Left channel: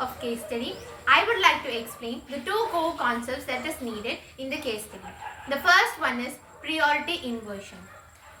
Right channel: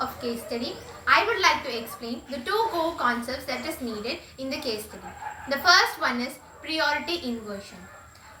of case study, I would like to explain the two core concepts that is needed in the case study. The first one is priority inversion.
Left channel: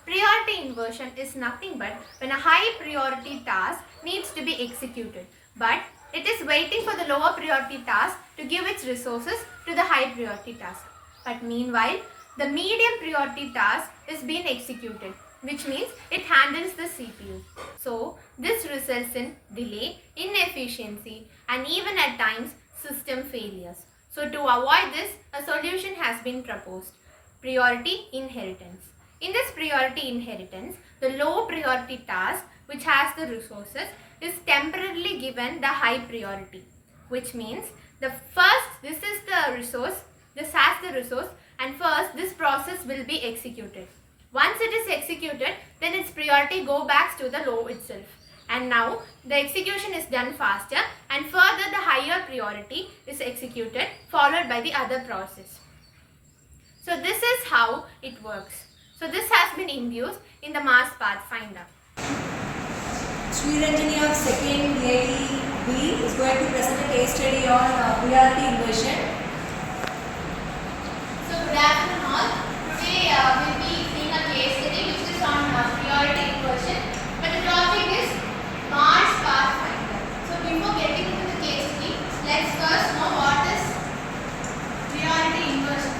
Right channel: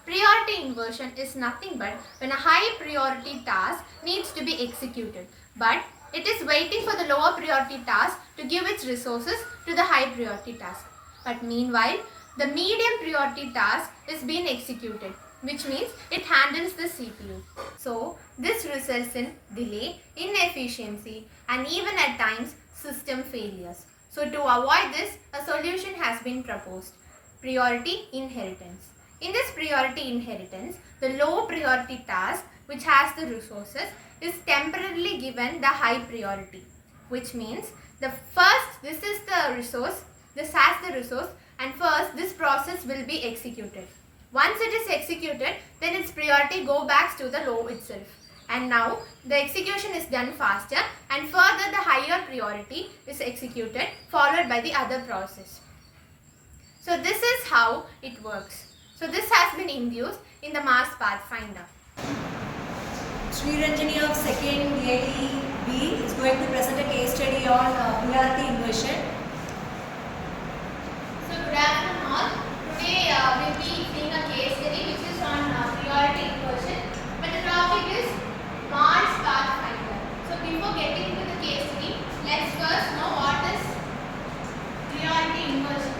Priority inversion is nothing but when a high priority task needs to be executed, but it is waiting for the lower priority task to give its resources to the high priority task. But meanwhile, the medium priority task is being executed, which means it handles the CPU. So, this results in delay, inefficiency, and even at times system failures. So, to avoid this, a solution has been proposed: priority inheritance. In this priority inheritance, the low priority task which has the resources is temporarily given the high priority, which means this is the resource, this has the resource, and first this process will be executed. Once it is executed, then its priority goes back to the low itself. And now the execution is done faster, and further the higher priority is executed, followed by the other process. So this is how it works. So this has been induced in the mass pathfinder. Sriranjani of 2nd AE B is going to present a case study on priority inversion. So good afternoon all. Today we'll be seeing a case study which is on priority inversion. But the topic is mass pathfinder. So before getting into the case study, let's first know what is priority inversion.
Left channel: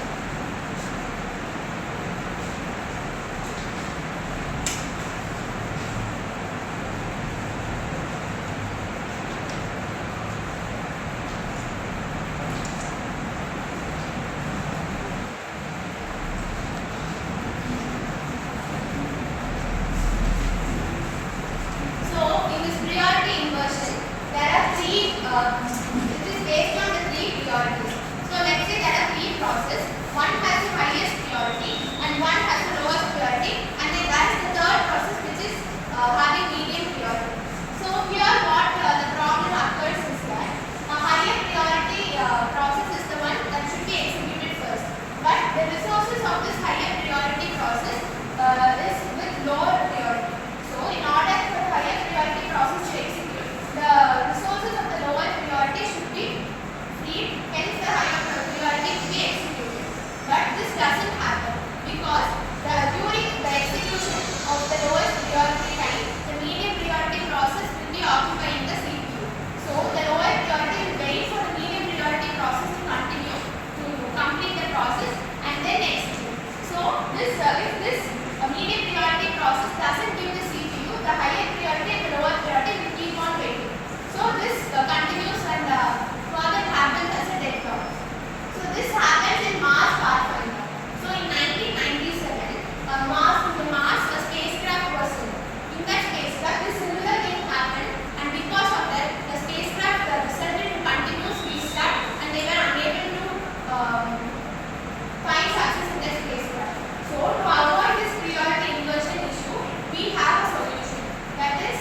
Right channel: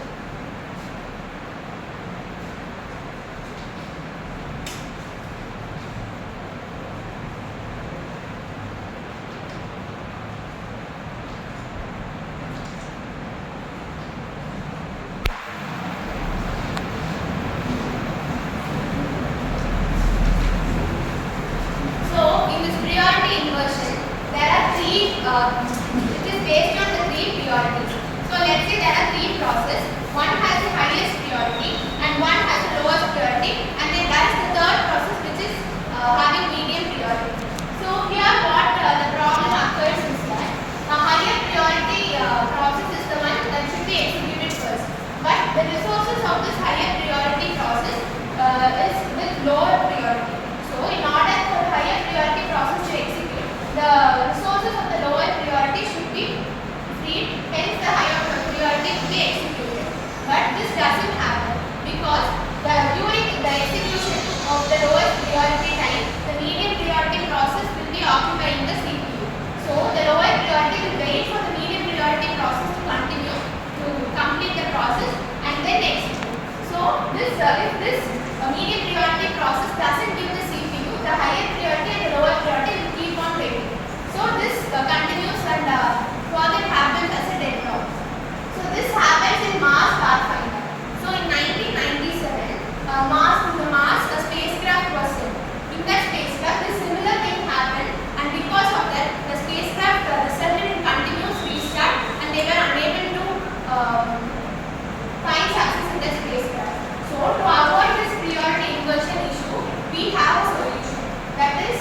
It is based on the three priorities. So let's say there are three processes. One has the highest priority and one has the lowest priority, and then there is the third process which is having medium priority. So here what the problem occurs is that a higher priority process is the one that should be executed first. But the resources of this higher priority process is with lower priority. So in order for the higher priority process to execute, the resources of the lower priority should be freed, hence the higher priority will be executed. But this doesn't happen because during the execution of the lowest priority time, the medium priority process will be occupying the CPU. So the lower priority will wait for the medium priority process to continue to complete the process and then execute. So if this medium priority process doesn't give the CPU, the higher priority and the lower priority will keep on waiting. So this continues and further happens as a deadlock. So this happens in Mars Pathfinder. So in 1997, a spacecraft was sent. In that spacecraft, this similar thing happened, and because of that, the spacecraft resulted in continuous restart, and they were unable to find success in the spacecraft. So to avoid this priority inversion issue, we have a solution. That is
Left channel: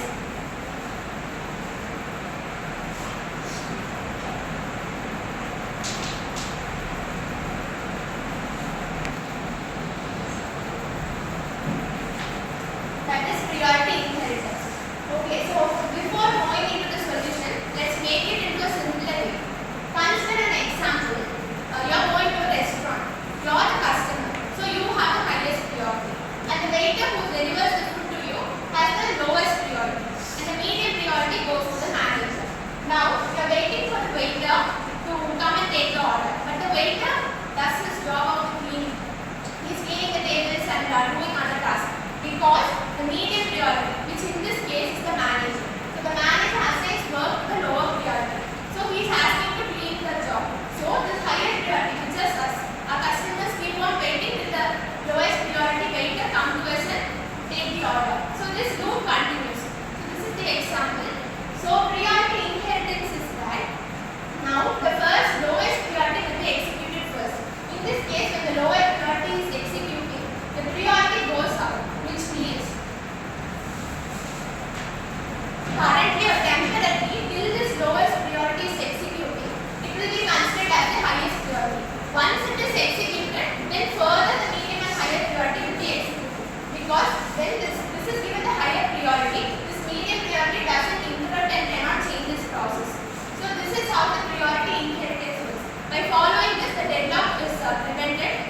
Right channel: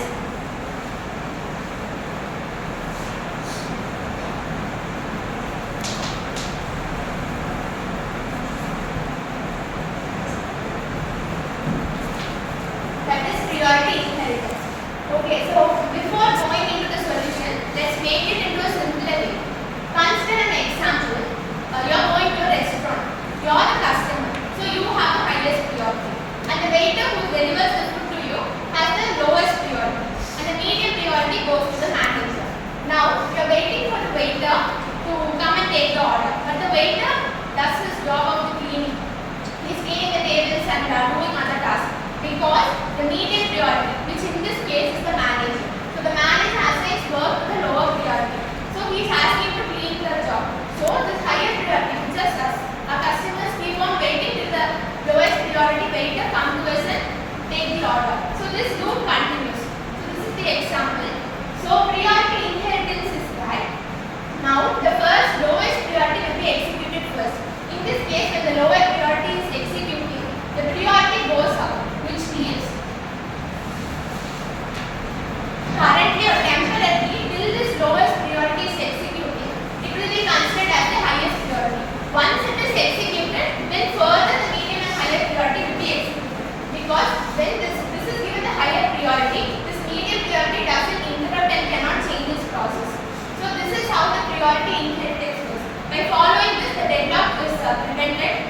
priority inheritance. Okay, so before going into the solution, let's make it into a simpler way. Consider an example. You're going to a restaurant. You're the customer, so you have the highest priority. And the waiter who delivers the food to you has the lowest priority. And the medium priority goes to the manager. Now, you're waiting for the waiter to come and take the order. But the waiter does his job of the cleaning. He's cleaning the tables and doing other tasks. Because the medium priority, which in this case is the manager. So the manager has his work to the lower priority. So he is asking to clean the job. So this higher priority, just us, our customers keep on waiting till the lowest priority waiter come to us and take the order. So this loop continues. So this is the example. So priority inheritance is that now the first lowest priority will be executed first. In this case, when the lower priority is executing, the priority goes up. Currently or temporarily, till this lowest priority is executing, it will be considered as the highest priority. Once it is executed, then further the medium and higher priority will be executed. Because when this is given the higher priority, this medium priority doesn't interrupt and cannot change this process. So this is By following this, the deadlock is prevented